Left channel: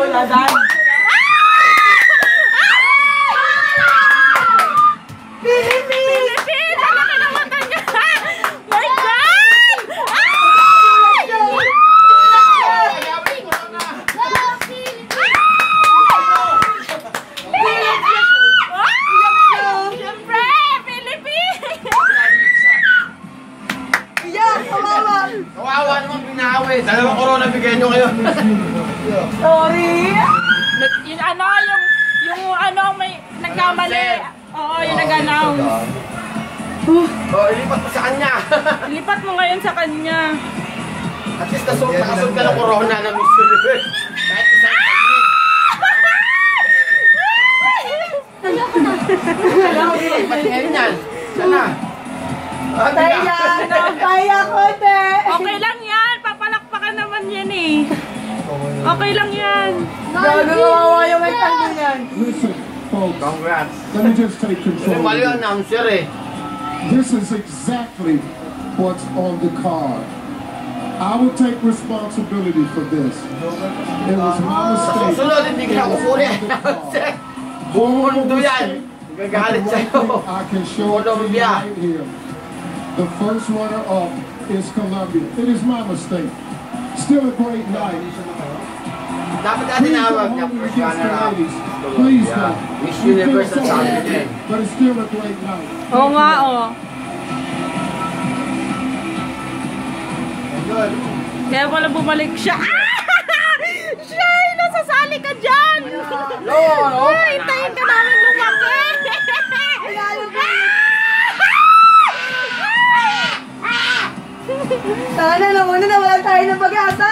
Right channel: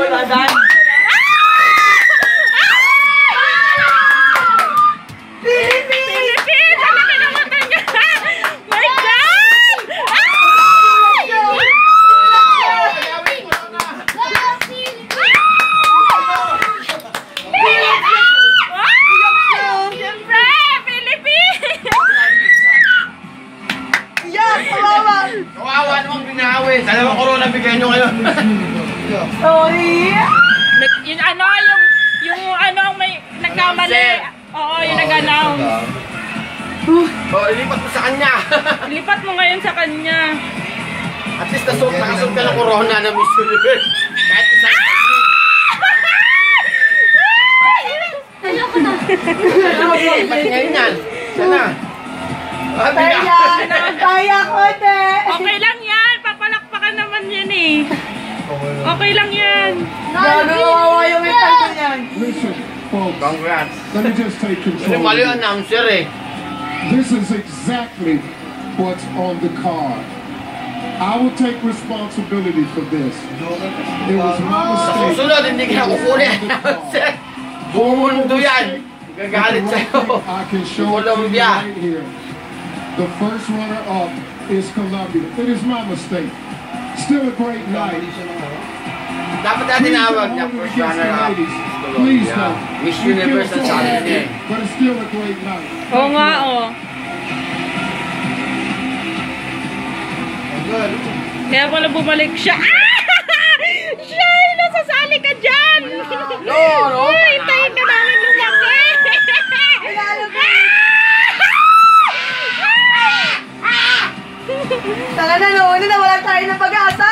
Wala dahil. Philippines! Ang laki ng mata niya! My God! Siyempre! Philippines! Iyak! Kawawa! Kawawa naman binawi. Dalawang corona bigyan nyo ngayon. Sorry! Yung ano, yung ano, may nagkamali. Oo, yung nag-announce. Lipat mo sa kanya. Lipat mo ngayon sa kanya. At least nakasok ka ng corona na Miss Universe. Kahit isang technique. Ayoko na! Lipat ngayon yan. Sana. Kaya ko, te! Okay lang yan. Papalakpakan naman yan eh. Okay lang yan. Gagawa yung may kaldo niyan. Listen, folks, Congrats. let me just take control. Mali yung announcer eh. This is exactly what's on the card. I will take responsibility for this. It was my mistake. Susunod, hindi ka kukuli. Bumundo yan. Gagalit sa'yo. I can show it to you right here. The first runner-up is Colombia. It is my mistake. Still a great night. Dapat natin awag na first runner-up. Please no. Miss Universe at Challenge din. But it's still a great night. Oo nga, oo. Kaya pala bumalik siya. Shay, nasasali ka dyan! No! Hintayin ka namin lumaki! Sana nauna na wala tayo ng pag-asa!